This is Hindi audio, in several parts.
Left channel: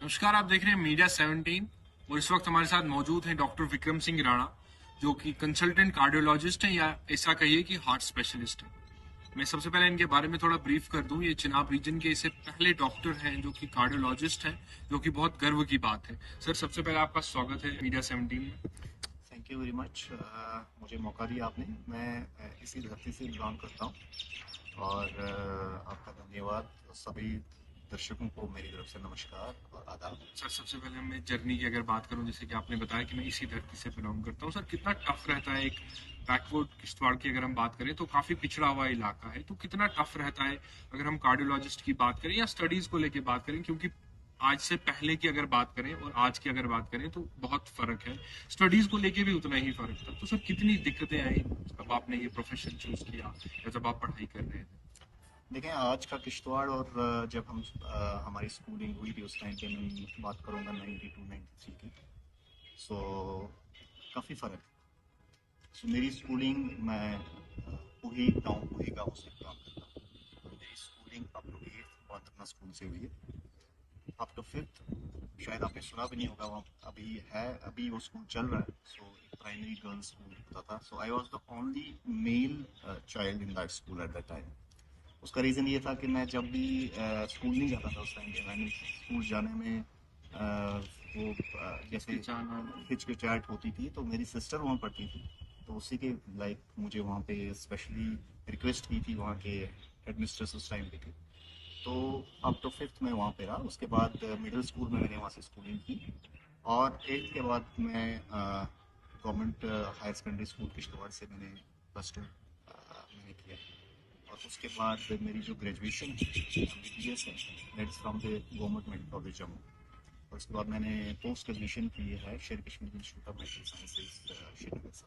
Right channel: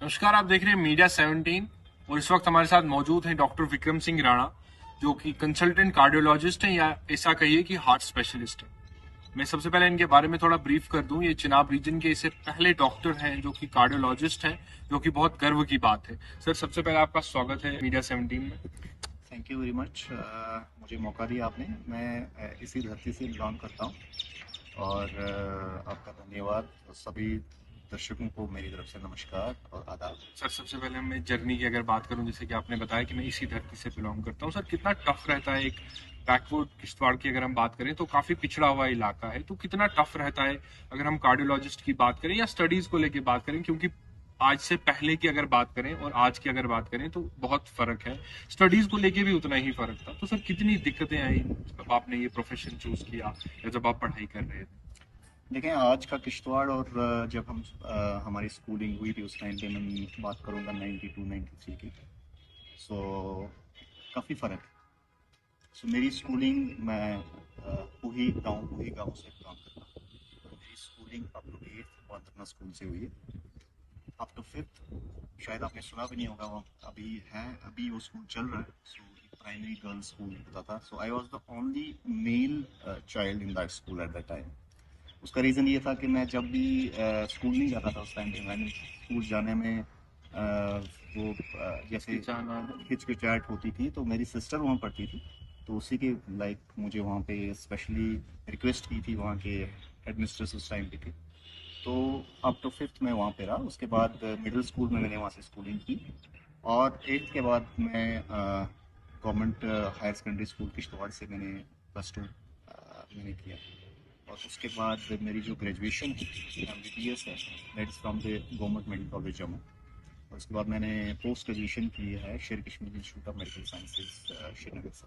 नमस्कार, आप देख रहे हैं मीडिया 17 और इस वक्त हमारे साथ मौजूद हैं डॉक्टर विक्रम सिंह राणा, जो कि कंसल्टेंट कार्डियोलॉजिस्ट हैं या ऐसा कहिए कि हार्ट स्पेशलिस्ट हैं। मैं सबसे पहले इनके बारे में थोड़ा ब्रीफ कर दूं। ये चिनाब रीजन के इससे पहले डॉक्टर हैं जो कि कार्डियोलॉजिस्ट हैं, जो कि बहुत गर्व की बात है। सर, सबसे पहले आपका स्वागत है मीडिया 17 में। Thank you very much. मुझे मौका दिया आपने। मैं इसी धरती से बिलोंग करता हूँ और आपका धन्यवाद। सभी दर्शकों को मेरी तरफ से नमस्कार और आदाब। सर, सबसे पहले मैं जर्नी की अगर बात करूं, जैसे कि आपने बताया कि मैं इसी धरती से बिलोंग करता हूं, सर कितना टफ रहता है एक बैकवर्ड किश्तवाड़ की अगर हम बात करें तो काफी पिछड़ा हुआ इलाका है, तो कितना टफ रहता है अगर हम कार्डियोलॉजिस्ट की बात करें या स्टडीज को लेकर बात करें, क्योंकि आज से पहले की अगर बात करें और आज की अगर बात करें तो बहुत फर्क है। स्टडीज को लेके भी उतना ही फर्क था। तो सर कितनी दिक्कतें आई जब आपने ये प्रोफेशन चूज किया या जब आप पढ़ाई कर रहे थे? देखें, आज का किश्तवाड़ और जब हम हमारी स्कूलिंग हुई थी उस टाइम पे मैं बात करूँगा 92-93 की। सो काफ़ी फ़र्क है। सो मेरी स्कूलिंग मैं पूही गाँव से बिलोंग करता हूँ। मेरी स्कूलिंग अप टू 8th वाटरना स्कूल से हुई है। अप टू 5th शायद आपने सुना भी नहीं होगा, वहाँ अभी वो स्कूल चल रहा है। सो प्राइमरी गर्ल्स स्कूल होता था। So I was the only male child in that school at that time. उसका रीज़न ये था कि मैं जब भी स्कूल नहीं जाता था उस टाइम पे, मैंने स्कूल जाने में वो जैसे हिचकिचाहट होती थी, तो मेरी सिस्टर वहाँ पढ़ती थी, तो उसी के लाइक मुझे वहाँ पे स्पेशली रिक्वेस्ट की थी वहाँ के हेडमिस्ट्रेस उस टाइम की थी। तो अब तो 5th में वहाँ पे रहा। उसके बाद मिडिल स्कूल में मैंने वहाँ से स्कूलिंग की और 8th के बाद मैं government higher secondary school Kishtwar से मैंने +2 मैंने किया। और उसके बाद मेरी जो ग्रेजुएशन है MBBS है, that is from the government medical college Jammu. और उसके बाद मैंने पोस्ट ग्रेजुएशन की है Sher Kashmir institute of medical sciences Srinagar से।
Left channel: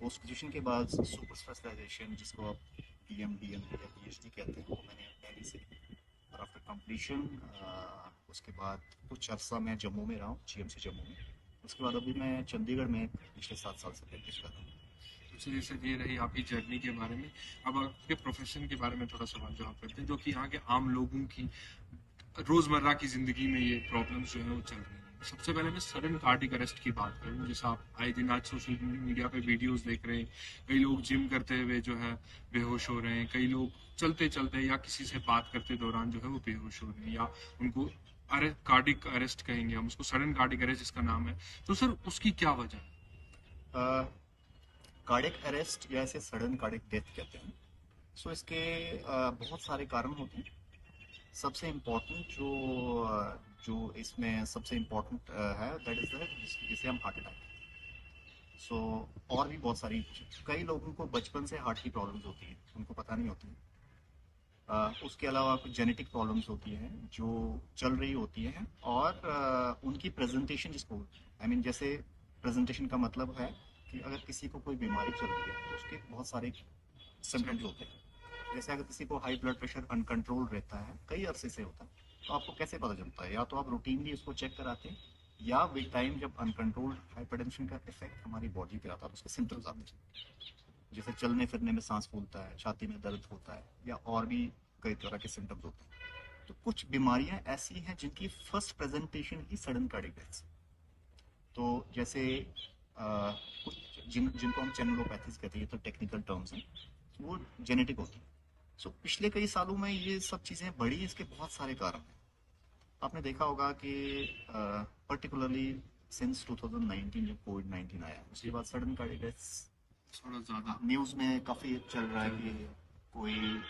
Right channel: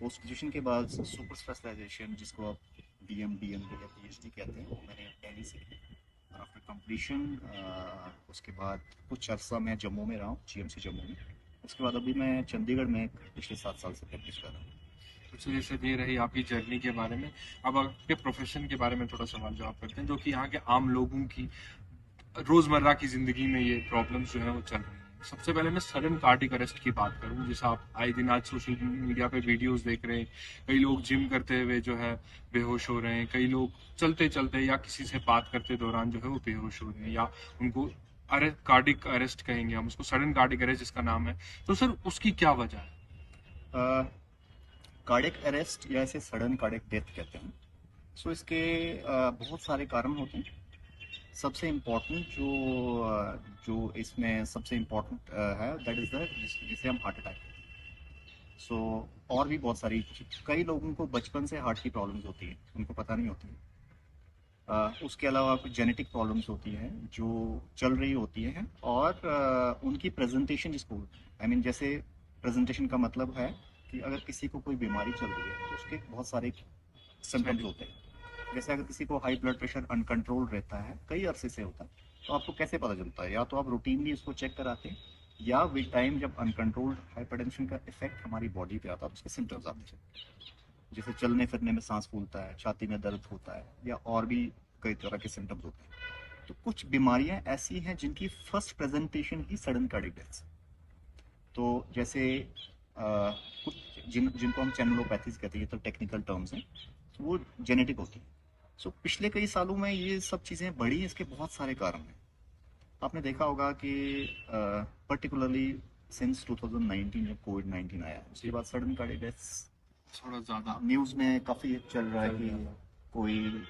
पोस्ट ग्रेजुएशन के बाद सुपर स्पेशलाइजेशन, जिसको आप DM या PhD कहते हैं, वो मैंने दिल्ली से। और आफ्टर कंप्लीशन उसके बाद कुछ अर्सा मैं जम्मू में रहा हूँ, GMC जम्मू में। उसके बाद अभी मैं चंडीगढ़ में पिछले 7 साल से प्रैक्टिस कर रहा हूँ। तो चलिए सर, ये रही आपकी जर्नी के बारे में। अब आपके प्रोफेशन के बारे में थोड़ा सवाल जवाब करते हैं, जो कि यहाँ के आम लोगों की रोजमर्रा की जिंदगी में ये प्रॉब्लम्स जो है वो चल रही हैं। सबसे पहले मैं सडन कार्डिक अरेस्ट की बात करूं, जैसा आप आए दिन आज सोशल मीडिया पे वीडियोस देख रहे हैं, कई लोग जिम करते हुए जो है बेहोश हो रहे हैं, कई लोग चलते चलते या किसी से बात करते दौरान जो है वो बेहोश हो रहे हैं, या उनको कार्डिक अरेस्ट कहेंगे हम उसको, सडन कार्डिक अरेस्ट जिसका नाम है। तो सर उसकी क्या वजह है? कार्डिक अरेस्ट या इसे सडन कार्डिक डेथ कहते हैं। सो इसके बहुत सारे कारण होते हैं। सबसे इम्पोर्टेंट जो इसमें सबसे इम्पोर्टेंट है, दैट इज़ द जिसे हम हार्ट अटैक। सो और भी बहुत सारी, कई लोगों को बचपन से हार्ट की प्रॉब्लम्स होती है, उनको पता नहीं होती। उसके अलावा कुछ जेनेटिक प्रॉब्लम्स होती हैं जो चल रही होती हैं, और उनकी प्रेजेंटेशन जिसको आई मीन जैसे प्रेजेंटेशन का मतलब है कि अगर किसी को कोई बीमारी चल रही है तो उसके बहुत सारे सिम्टम्स होते हैं। जैसे अगर किसी को हाई ब्लड प्रेशर अनकंट्रोल रहता है, कई अरसे से होता है, तो आपको कैसे पता चलता है? या तो आप रूटीनली उसको चेक कराते हैं, या विद टाइम जब अनकंट्रोल्ड हाइपरटेंशन का इफेक्ट हमारी बॉडी पे आता है, उसके सिम्टम्स आते हैं। जैसे चलने फिरने में सांस फूलता है, छाती में दर्द होता है, या और भी कई तरह के सिम्टम्स होते हैं। तो कुछ बीमारियां ऐसी हैं जिनकी फर्स्ट प्रेजेंटेशन ही सडन कार्डिक डेथ। तो जैसे कुछ जिनको हम चैनलोपैथीज कहते हैं, तो टेक्निकल टर्म्स हैं, वो जेनेटिक होती है। सो पिछले कई सालों में ये सब चीज़ें बढ़ी हैं। इसके बहुत सारे कारण हैं। आपने देखा होगा कि पर्टिकुलरली सिंस 2019 जब कोविड-19 आया, उसके बाद सडन कार्डिक डेथ्स थोड़ा ज्यादा न्यूज़ में काफ़ी चल रहा है कि कोई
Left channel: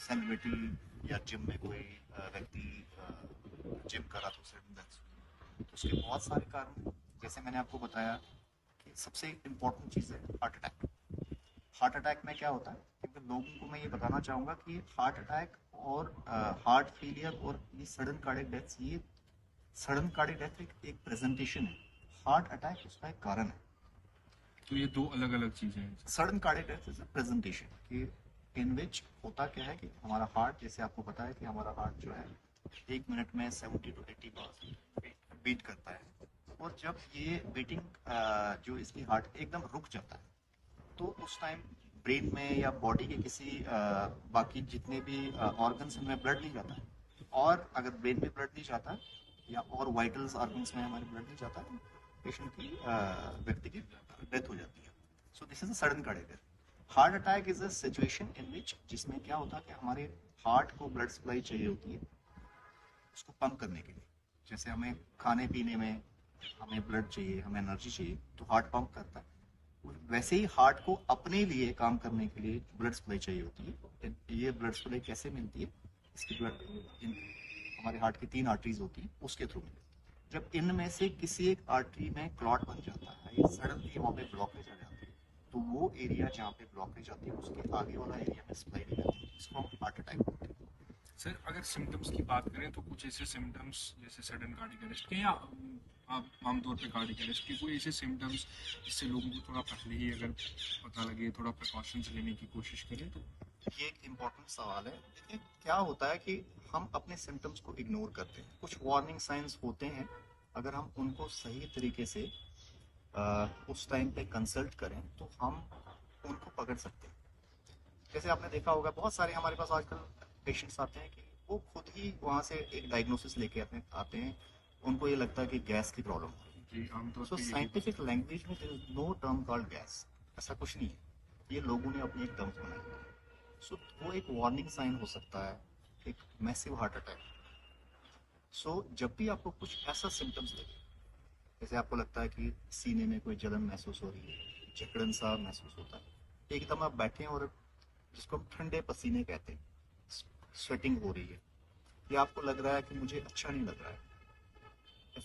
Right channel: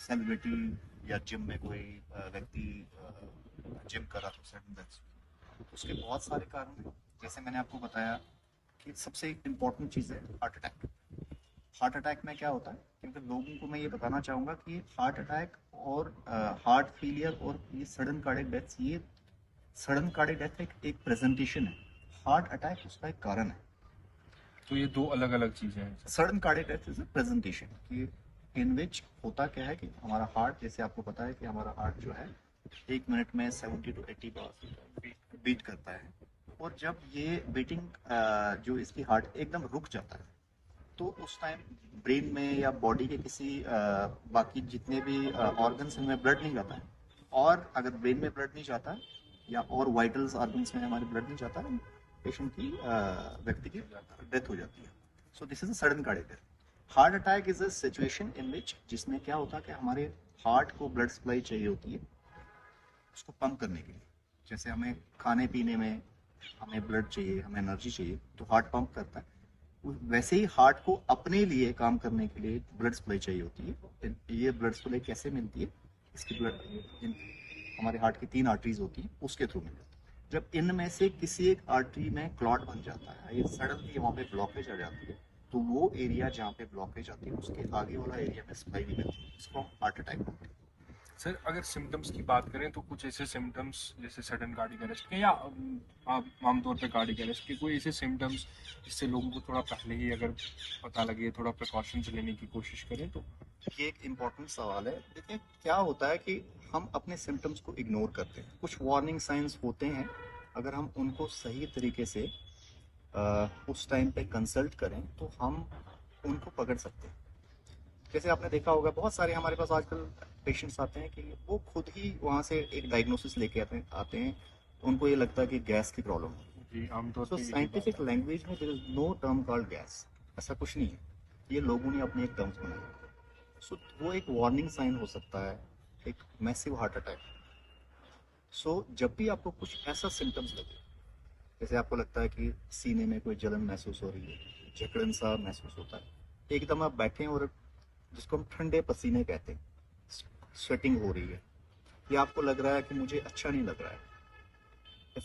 सेलिब्रिटी या जिम में कोई व्यक्ति जिम करा तो सडन डेथ। तो उसके बहुत सारे कारण हैं। जैसे मैंने आपको बताया कि सबसे इम्पोर्टेंट चीज़ है हार्ट अटैक। हार्ट अटैक में क्या होता है, क्योंकि लोगों को मैं ये बताना चाहूँगा कि हार्ट अटैक और हार्ट फेलियर और ये सडन कार्डिक डेथ, ये सडन कार्डिक डेथ एक प्रेजेंटेशन है, हार्ट अटैक उसका एक कारण है। तो ये दो अलग अलग चीजें हैं। Sudden cardiac death is a presentation कि इन विच होता क्या है कि हमारा हार्ट, जैसे आपको पता है कि हमारा हार्ट जो है 1 मिनट में 70 to 80 बार बीट करता है। और जब ये बीटिंग जो इसकी हार्ट एकदम रुक जाता है, तो उस टाइम ब्रेन में या बॉडी के किसी बाकी जितने भी ऑर्गन्स में ब्लड नहीं जाता है। और अगर ब्रेन में ब्लड नहीं जाता या और वाइटल्स ऑर्गन्स में हमारे ब्लड में जाता है, पेशेंट की व्यक्ति की डेथ हो जाती है। So this is a sudden cardiac death. Heart attack is a situation in which, जिसमें क्या होता है कि हमारे हार्ट को ब्लड सप्लाई चाहिए होती है उसको पंप करने के लिए। जैसे हमें खाने पीने में हमें ब्लड चाहिए, हमें एनर्जी चाहिए, तो हार्ट पंप करता है। वैसे ही हार्ट को अपने लिए काम करने के लिए ब्लड सप्लाई चाहिए होती है। ये ब्लड सप्लाई कैसे मिलती है? इसकी ब्लड हमारे हार्ट की 3 आर्टरीज होती हैं, उसके थ्रू मिलती है। जब इनमें से किसी एक आर्टरी में क्लॉट बन जाता है या सडनली वहाँ पे ब्लॉकेज आ जाती है, तो वो एरिया जहाँ पे ब्लॉकेज आती है उसके आगे वाला एरिया में सप्लाई नहीं मिलती, इसको हार्ट अटैक बोलते हैं। सर अगर सिम्टम्स की बात करें तो कुछ ऐसे सिम्टम्स जैसे सडन कार्डियक अरेस्ट के या आमतौर पे कार्डियक अरेस्ट के कोई ऐसे सिम्टम्स जिससे लोगों को थोड़ा पहले ही अगर पता लगे, थोड़ा प्रिकॉशंस लेने की कोशिश करें तो? ये एक इम्पोर्टेंट सवाल है। देखिए क्या होता है कि हम अपने सिम्टम्स को इग्नोर करते हैं। कुछ वार्निंग साइंस होते हैं, अगर हम उनको सही तरीके से उस टाइम पे कंसल्ट करें तो हम उनको पकड़ सकते हैं। जैसे आपने देखा होगा बहुत सारे हमारे पास आजकल पेशेंट्स आते हैं कि वो खुद ही वहाँ से एक डायग्नोसिस लेके आते हैं, उनको ये लगता है कि गैस की प्रॉब्लम है। जी, आमतौर सो पे यही बात साइंटिफिक है। लैंग्वेज में there is no term called gas, ऐसा कुछ नहीं है, ये लोगों ने अपने एक टर्म्स बनाए। सो वो एक वार्निंग साइन हो सकता है, एक मैसिव हार्ट अटैक। सो जब भी आपको कुछ ऐसा सिम्टम्स लगे, जैसे आपको लगता है कि सीने में कोई जलन महसूस हो रही है, जकड़न सा महसूस होता है, एकदम आप बैठे हैं और जिसको हम ठंडे पसीने कहते हैं, स्वेटिंग हो रही है, या आपको लग रहा है कि मुझे अच्छा नहीं लग रहा है,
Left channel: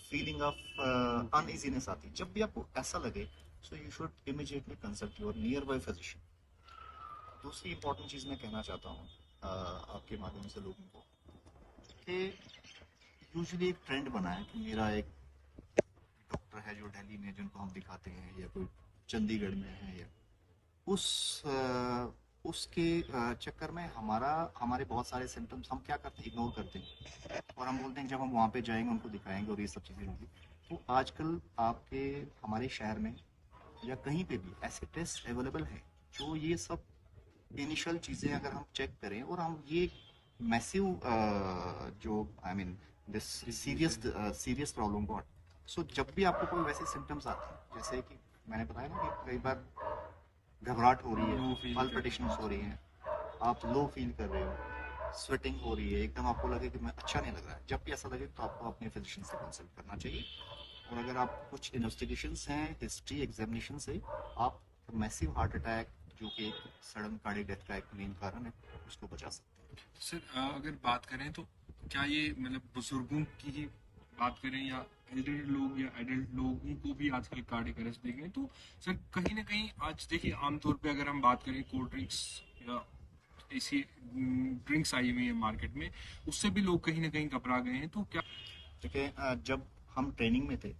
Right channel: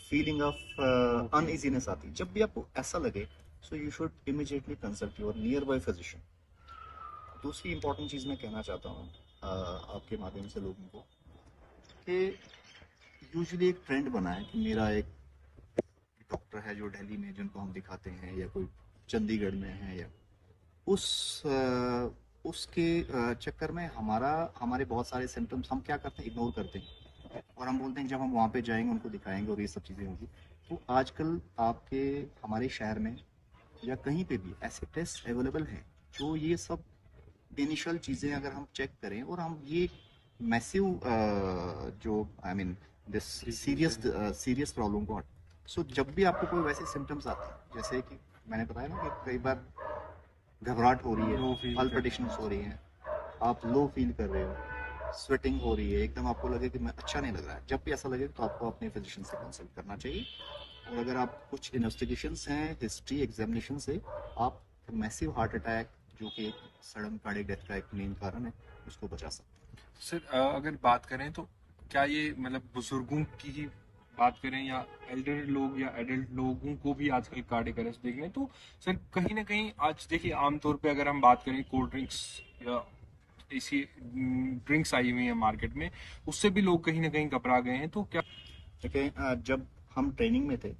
फीलिंग ऑफ अनइजीनेस आती है, जब भी आपको ऐसा लगे, so you should immediately consult your near by physician. दूसरी इंपॉर्टेंट चीज़ मैं कहना चाहता हूँ आपके माध्यम से लोगों को, कि यूजुअली एक ट्रेंड बना है कि मेरा एक डॉक्टर है जो दिल्ली में जिनको हम दिखाते हैं, या कोई चंडीगढ़ में है, या उसके चक्कर में हमारे बहुत सारे सिम्टम्स हम क्या करते हैं, इग्नोर करते हैं, और हम बोलते हैं जब हम वहाँ पे जाएंगे उनको दिखाएंगे और ये सब चीज़ें होंगी। तो आजकल आपके हमारे शहर में या कहीं पे भी ऐसे टेस्ट अवेलेबल हैं जो ये सब इनिशियल चीज़ें अगर हम चेक करें, और हम ये मैसिव जो I mean this serious problem को, सो जब भी आपको कोई वैसे सिम्टम्स आते हैं, जैसे कि मैंने बताया ना कि कई बार घबराहट हो रही लो है, फील पल्पिटेशंस हो रही हैं, आप लो फील कर रहे हो, स्वेटिंग हो रही है, एकदम आपको लगे कि मैं अच्छा नहीं लग रहा है, जब भी ऐसा लगे तो आपको अपने फिजिशियन से कंसल्ट करना चाहिए। और अगर आप कुछ इन्वेस्टिगेशंस हैं, हिस्ट्री एग्जामिनेशन से आप मैसिव हार्ट अटैक, जो कि एक सडन कार्डियक डेथ का एक मेन कारण है, उसको बचा सकते हैं। सर अगर बात करें तो क्या ये मतलब बुजुर्गों की ही बात करें या एल्डर लोग या एडल्ट लोगों को भी आजकल कार्डियक अरेस्ट देख रहे हैं, तो सर कहीं ना कहीं आज देखिए आमतौर पे अगर हम बात करें कोल्ड ड्रिंक्स या ऐसी ड्रिंक्स आई हुई है मार्केट में, उससे भी लोग कहीं ना कहीं घबरा गए हैं, तो क्या? देखिए जब हम ट्रेनिंग में थे,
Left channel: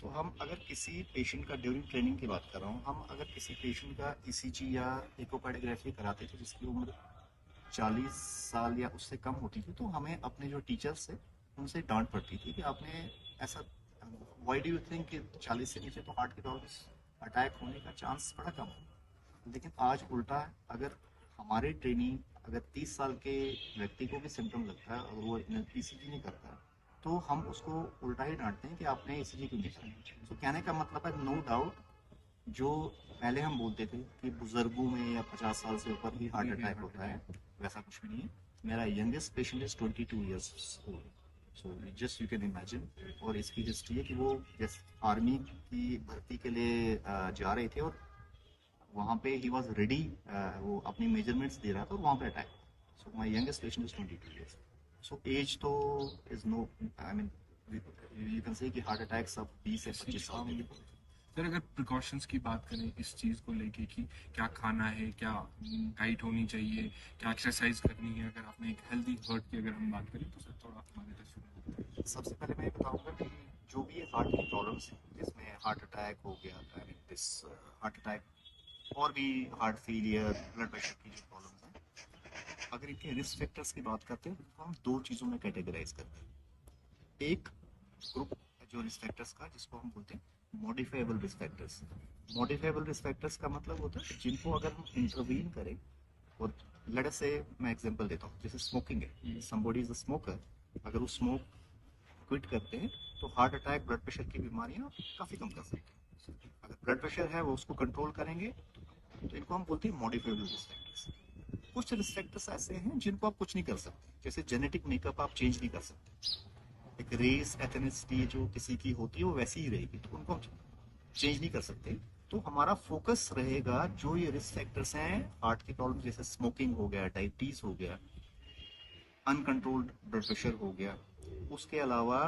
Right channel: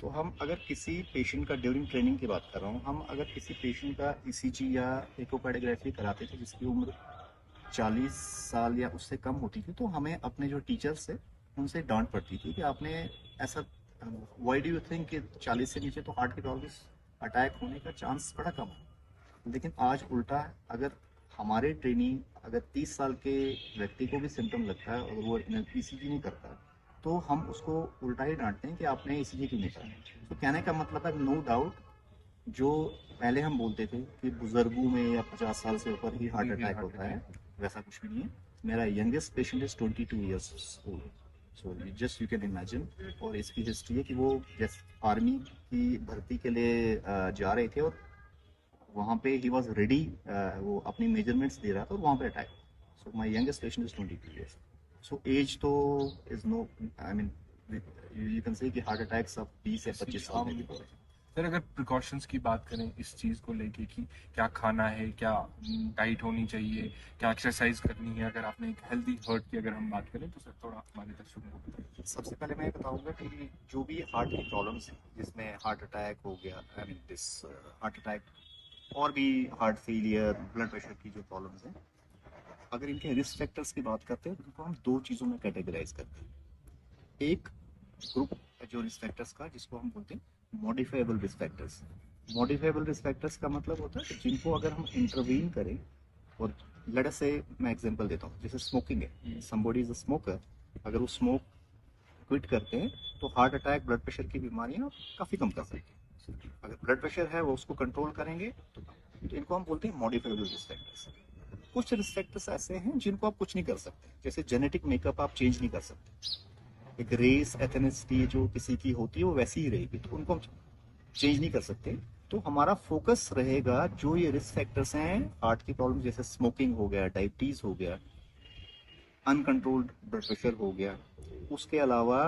तो हम अगर किसी पेशेंट का, ड्यूरिंग ट्रेनिंग की बात कर रहा हूँ, हम अगर किसी पेशेंट का ईसीजी या इकोकार्डियोग्राफी कराते थे जिसकी उम्र 40 साल या उससे कम होती थी, तो हमें अपने जो टीचर्स थे उनसे डांट पड़ती थी कि आपने ऐसा, व्हाई डू यू थिंक कि 40 से नीचे तो हार्ट की प्रॉब्लम्स, अटैक होने का चांस बड़ा कम है। लेकिन आज उल्टा है, अगर हमारे ट्रेनिंग, अगर 30 साल के व्यक्ति को भी सिम्टम लगता है और वो ईसीजी नहीं करता है, तो हम उसको उल्टा ही डांटते हैं कि आपने ईसीजी क्यों नहीं करा। तो कहने का मतलब है, नो डाउट, जो पहले हम बोलते थे कि बुजुर्गों में या 50 साल से ऊपर ही हार्ट अटैक होता है, वैसा कुछ भी नहीं है। मेरा youngest patient is 22 years old, so just you can imagine. और इसकी हिस्ट्री है कि वो जैसे आर्मी की भर्ती के लिए जा रहे थे, और वहाँ पे ही वॉज रेडी, वो अपनी मेजरमेंट्स दे रहा था और वहाँ पे attack. So my youngest patient is 22 years. So age तो is no, I mean you can say कि हार्ट अटैक सब 20 या 25 साल में हो रहे हैं। सर अगर प्रिकॉशंस की बात करें इस चीज़ को लेके कि क्या खाना है, क्या डाइट होनी चाहिए, क्या एक्सरसाइज करनी है, अगर आपने एक हेल्दी हार्ट की अगर हम बात करें तो सर थोड़ा हमारे दर्शकों को बताइए। सबसे पहले मैं बताऊंगा कि जो भी हार्ट की प्रॉब्लम्स हैं, जिसमें हार्ट अटैक हो गया, I mean this heart attack, और भी हार्ट फेलियर, ब्लड प्रेशर की जो प्रॉब्लम्स हैं, अगर इनके रिस्क फैक्टर्स की बात करते हैं, तो हम 2 चीज़ों में कैटेगराइज करते हैं। एक ग्रुप जो रिस्क फैक्टर्स का, जिसको हम बोलते हैं modifiable risk factors. Modifiable risk factors का मतलब होता है कि जिनको अगर हम इंटरवीन करें, और लेट अस से मैं एग्जांपल देता हूँ, जैसे स्मोकिंग है, समबडी इज अ स्मोकर, अगर वो स्मोक क्विट करते हैं तो हार्ट अटैक, ब्लड प्रेशर की बीमारियां काफ़ी कम कर सकते हैं। अगर ब्लड प्रेशर है वो उसको कंट्रोल करेंगे तो इनको हम बोलते हैं मॉडिफाइबल रिस्क फैक्टर्स। कुछ रिस्क फैक्टर्स ऐसे हैं जिनको आप कुछ नहीं कर सकते, जैसे जेनेटिक मेकअप आप चेंज नहीं कर सकते। एक रेस एथनिसिटी जो किसी की होती है वो वैसी ही रहेगी, तो उनको हम चेंज नहीं कर सकते। तो हमारा फोकस रहेगा जो ये रिस्क फैक्टर्स हैं हार्ट की प्रॉब्लम, जैसे स्मोकिंग हो गया, डायबिटीज हो गया, अनकंट्रोल्ड ब्लड प्रेशर हो गया। उसके अलावा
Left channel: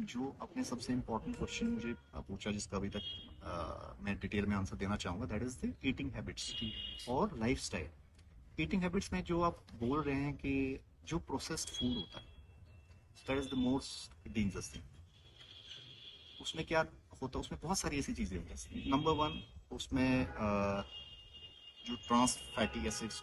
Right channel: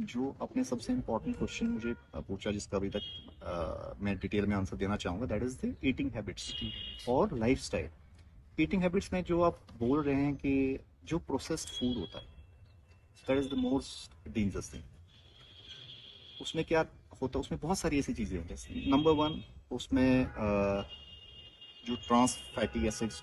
जो अपने सबसे इम्पोर्टेंट क्वेश्चन मुझे पूछा, जिसका अभी तक मैं डिटेल में आंसर देना चाहूँगा, that is the eating habits और लाइफ स्टाइल। ईटिंग हैबिट्स में जो आप बोल रहे हैं कि जो प्रोसेस्ड फूड होता है, that is the most dangerous thing. उसमें क्या होता है, उसमें बहुत सारी ऐसी चीज़ें होती हैं। नंबर वन, उसमें जो ट्रांस फैटी एसिड्स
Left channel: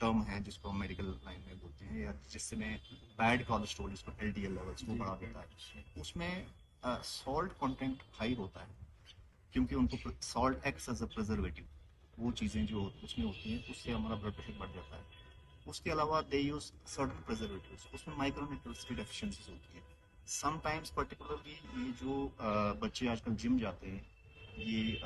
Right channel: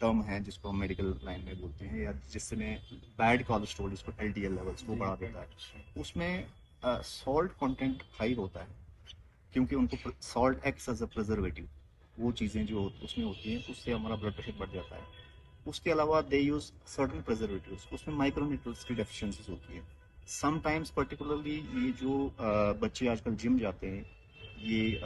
टर्म है जिसको हम मेडिकल लाइन में बोलते हैं, या जिसमें बैड कोलेस्ट्रॉल, जिसको एलडीएल लेवल्स वो बढ़ा देता है, उसमें सॉल्ट कंटेंट हाई होता है, क्योंकि उनको salt acts as a preservative. वो चीज़ें जो उसमें होती हैं उससे हमारा ब्लड प्रेशर बढ़ जाता है। उसके अलावा दे यूज सर्टन प्रिजर्वेटिव्स, उसमें माइक्रोन्यूट्रिएंट्स की डेफिशिएंसीज होती है। समटाइम्स पर्टिकुलरली ये जो बच्चे आजकल जिम जाते हैं, ये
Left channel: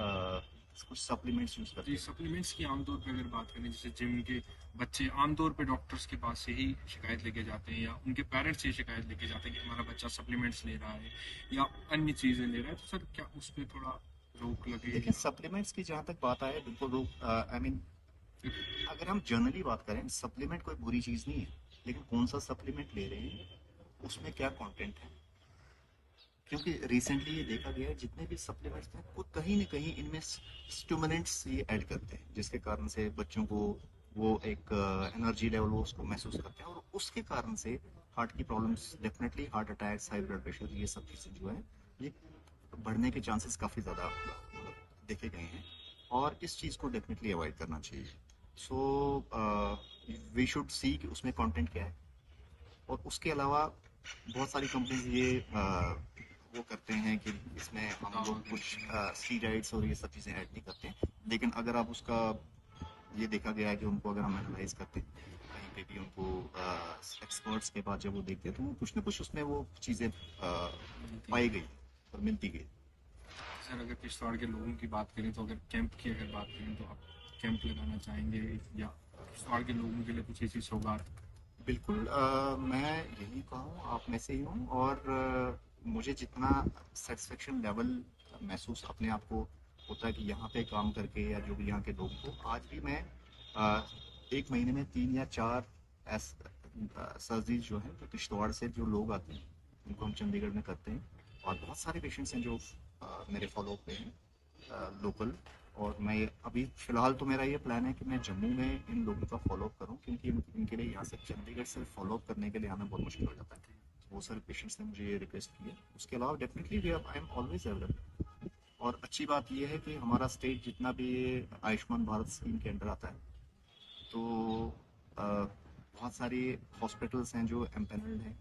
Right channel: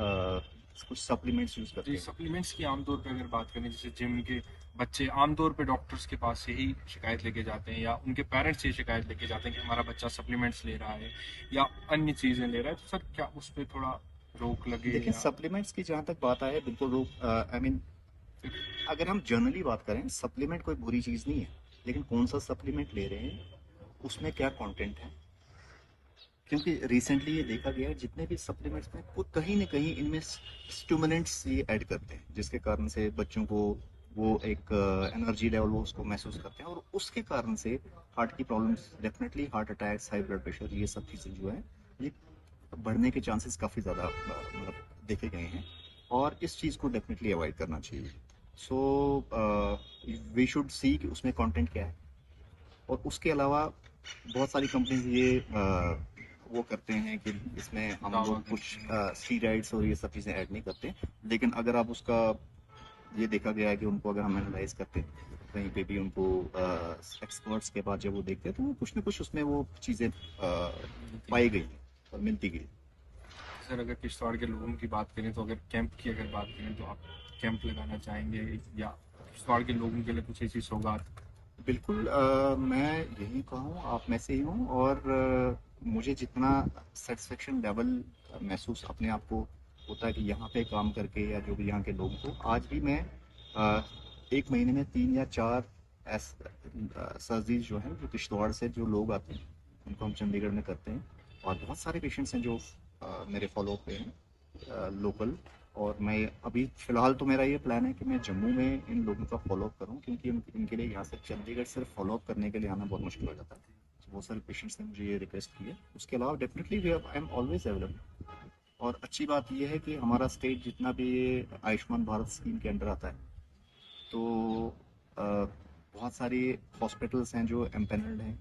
कुछ सप्लीमेंट्स यूज करते जी, हैं। सप्लीमेंट्स की आमतौर पे अगर बात करें, जैसे जिम के बच्चे आमतौर पे डॉक्टर्स के पास से ही शिकायत लेके जाते हैं, या उनके पेरेंट्स से शिकायत लेके जाते हैं कि हमारा बच्चा सप्लीमेंट्स ले रहा है या अन्य चीजें ले रहा है, तो सर क्या उस पर थोड़ा रोक लगे देखिए, या सप्लीमेंट्स की जहाँ तक बात आए, बिल्कुल रोक, आई मीन अगर हम जनरली बात करें, सप्लीमेंट कोई बुरी चीज़ नहीं है, लेकिन कौन सा सप्लीमेंट ले रहे हैं, उसमें क्या कंटेंट है। क्योंकि रिसेंटली ये देखा गया है जितने भी सप्लीमेंट्स हैं वो कहीं ना कहीं इनमें स्टिमुलेंट्स ये ऐड करते हैं, जिसके कारण से बच्चों को वो एक एनर्जी लेवल वो उसको महसूस करते हैं, और उसके कारण से हार्ट की problems, definitely heart attacks, high blood pressure, ये सब चीज़ें जो है ये बढ़ने के चांसेस काफ़ी ज़्यादा मतलब देखे गए हैं, और इस चीज़ को डेफिनेटली अवॉइड करना चाहिए। सो वी शुड सी कि उसमें कंटेंट क्या है। और उसके अलावा बहुत सारी कंपनीज ये वो करते हैं कि इसमें हम दावा लोग कुछ करते हैं? स्टीरॉइड्स और ये सब चीज़ें ऐड नहीं करते, लेकिन अगर आप उसका ये देखा गया है कि उनको अगर हम एनालाइज करते हैं कहीं पे भी, उनको एक्सपर्ट्स के पास जब वो देखते हैं तो वो कुछ ना कुछ उसमें वो चीज़ें पाई गई और मिलती गई। सर अगर किश्तवाड़ के लोगों की बात करें, तो अगर कैंप की अगर बात करें, तो आप कैंप लगाना चाहेंगे या किश्तवाड़ के लोगों के लिए कुछ ऐसी सौगात? बिल्कुल, मैं यही कहूँ, आप में से ही हूँ, और मुझे जितना सेटिस्फेक्शन लेवल महसूस अपने आप को होता है कि यहाँ पे काम करके, या जो भी यहाँ के लोगों को, आज भी मैं अ, एक महीने में 3 या 4 सर्जरीज जो हैं, जो किश्तवाड़ से जो लोग आते हैं उनको हम चंडीगढ़ में करते हैं। और बहुत सारे पेशेंट्स हैं जो मेरे फॉलोअप पे हैं लोकल। और मैं अभी फ़िलहाल तो मेरा ये प्लान है कि मैं जम्मू में इन लोगों का फॉलोअप करूं, क्योंकि इनके लिए यहाँ से चंडीगढ़ सिर्फ फॉलोअप करने के लिए आना बहुत मुश्किल हो जाता है। बहुत सारे पेशेंट्स ने मुझे ये रिक्वेस्ट की है। उसके अलावा definitely I am always available. और अच्छी बात यह है कि हमारा स्टेट जितना भी ये आयुष्मान भारत स्कीम के अंडर आता है, तो बहुत सारे हॉस्पिटल्स हैं जो एम्पेनल्ड हैं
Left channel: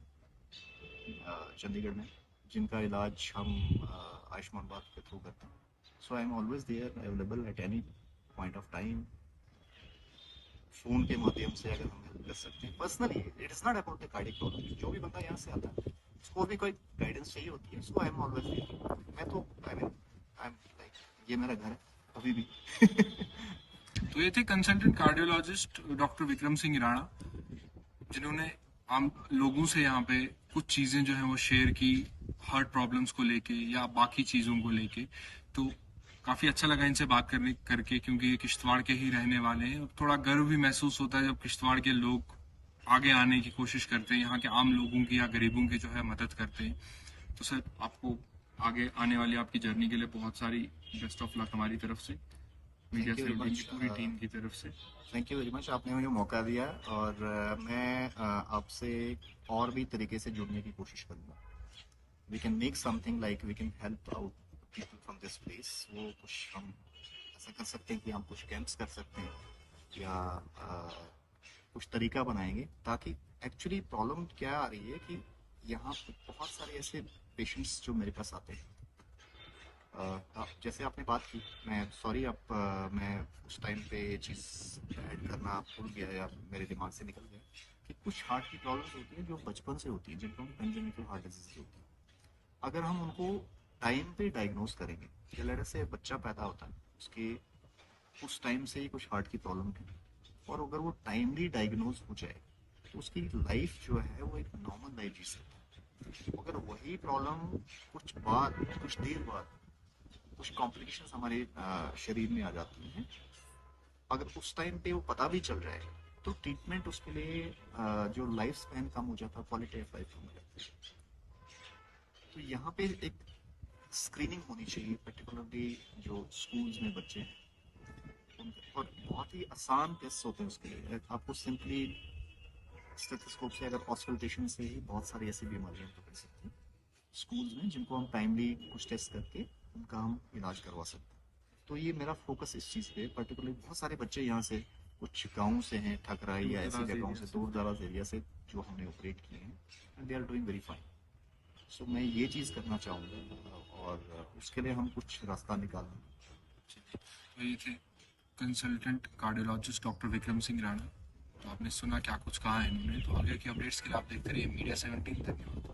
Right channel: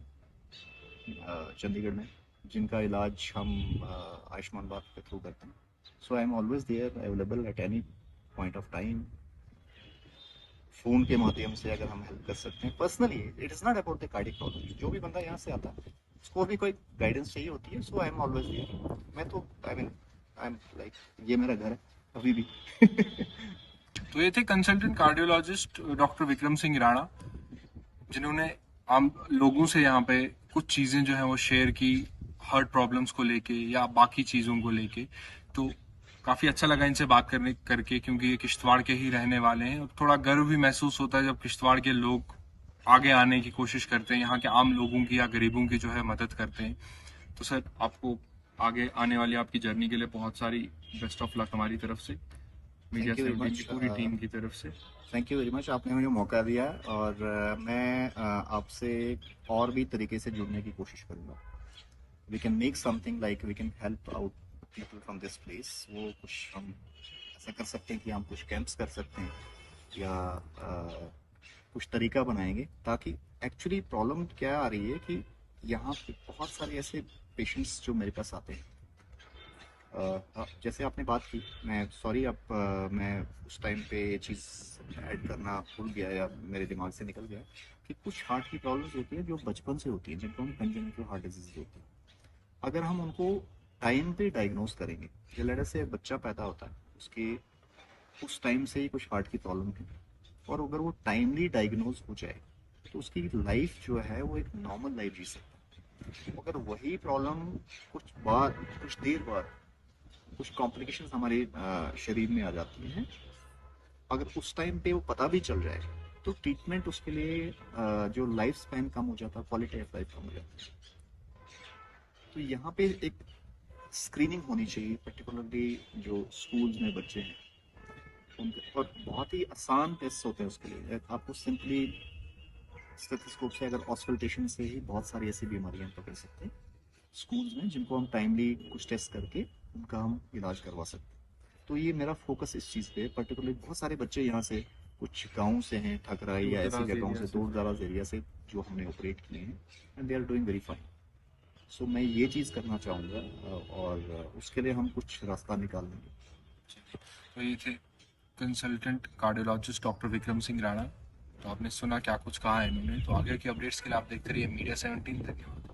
चंडीगढ़ में, जिनका इलाज हम आयुष्मान भारत के थ्रू करते हैं। So I am always there available at any point of time. Phone के माध्यम से अगर हम हेल्प कर सकते हैं personally, it is not about the cardiac problem. जो भी बंदा यहाँ से आता है उसको भी कोई गाइडेंस चाहिए होती है, सो आई एम ऑलवेज देयर। मैं तो आई एम लाइक, ये मेरा घर है अभी भी। तो ये थे consultant cardiologist doctor Vikram Singh Rana, जिन्होंने आम लोगों से यहाँ पे कुछ चीजें जो है वो शेयर की, हार्ट प्रॉब्लम्स को लेके या बाकी चीजों को लेके। तो काफी अच्छा लगा इनसे बात करने करके, क्योंकि ये किश्तवाड़ के ही रहने वाले हैं, और थोड़ा गर्व भी महसूस होता है जब किश्तवाड़ के लोग आगे आने की कोशिश करते हैं, यहाँ के आम लोगों की या गरीबों की जो है मदद करते हैं। तो सर आपको आगे आने वाली आपकी जर्नी के लिए बहुत सारी बेस्ट ऑफ लक हमारी तरफ से, मीडिया थैंक यू वेरी 17 की मच। पूरी टीम की तरफ से। थैंक यू वेरी मच, आपने मुझे मौका दिया है, और मैं आपसे और भी तरीके से जुड़ने की कोशिश करूँगा। We can make something, like we can help out people from this place. वो कुछ हम ऐसा कर सकते हैं कि हम कुछ कैंप्स कर सकते हैं, या कुछ तरीका बनाएंगे, ताकि एक्चुअली प्रॉब्लम क्या आ रही है कि यहाँ पे बहुत सारे ऐसे पेशेंट्स जो मेरे पास आते हैं। जैसे आपने बात की, मैं सॉरी, अब मैं उस टाइम पे ये चीज़ ऐड करना भूल गया या मेरे दिमाग से निकल गया, कि कुछ हार्ट की प्रॉब्लम्स होती है जो बचपन से होती है, जिनको हम कंजेनिटल हार्ट डिजीज होती है। अगर हम उनको टाइम पे डायग्नोज करेंगे, या लेटर से बच्चा पैदा होता है, उसके उस टाइम से ही कुछ हार्ट की प्रॉब्लम है, और अगर वो टाइमली डायग्नोज हो जाए तो उसकी लाइफ जो है वो एक नॉर्मल लाइफ जी सकता है। अगर वही प्रॉब्लम कुछ देर बाद कुछ कॉम्प्लिकेशंस हमारे शरीर में आ जाती हैं, अगर उस टाइम पे वो पता भी चल जाए तो ट्रीटमेंट उसके लिए जो लाइफ स्पैन कम हो जाता है, क्वालिटी ऑफ लाइफ कम हो जाती है। तो यहाँ पे एक स्क्रीनिंग होनी चाहिए, पर्टिकुलरली जो स्कूल्स में बच्चे हैं और बहुत ही आसान टेस्ट होते हैं उसके लिए। आपको सिंपली स्टेथोस्कोप से अगर ऑस्कल्टेशन से ही बहुत सारी ऐसी बीमारियां पकड़ सकते हैं स्कूल्स में, जिनको हम टाइमली कुछ टेस्ट करके उनका हम इलाज करवा सकते हैं। तो ये मेरा फोकस इस चीज़ पे है। पर्टिकुलरली बहुत सारे बच्चे यहाँ से कुछ गाँव से हैं, ठकराई या ऐसी जगहों से, दूर दराज एरिया से, जो हमने ऑपरेट किए हैं, and they are doing very fine. So मैं ये चीज़ करना चाहूँगा और उसके लिए हम कुछ रास्ता निकाल लेंगे। तो ये थे consultant cardiologist doctor Vikram Singh Rana. तो आपने सुना क्या कुछ कहा है इन्होंने। तो आगे की अपडेट्स के लिए आप देखते रहिए मीडिया 17। धन्यवाद।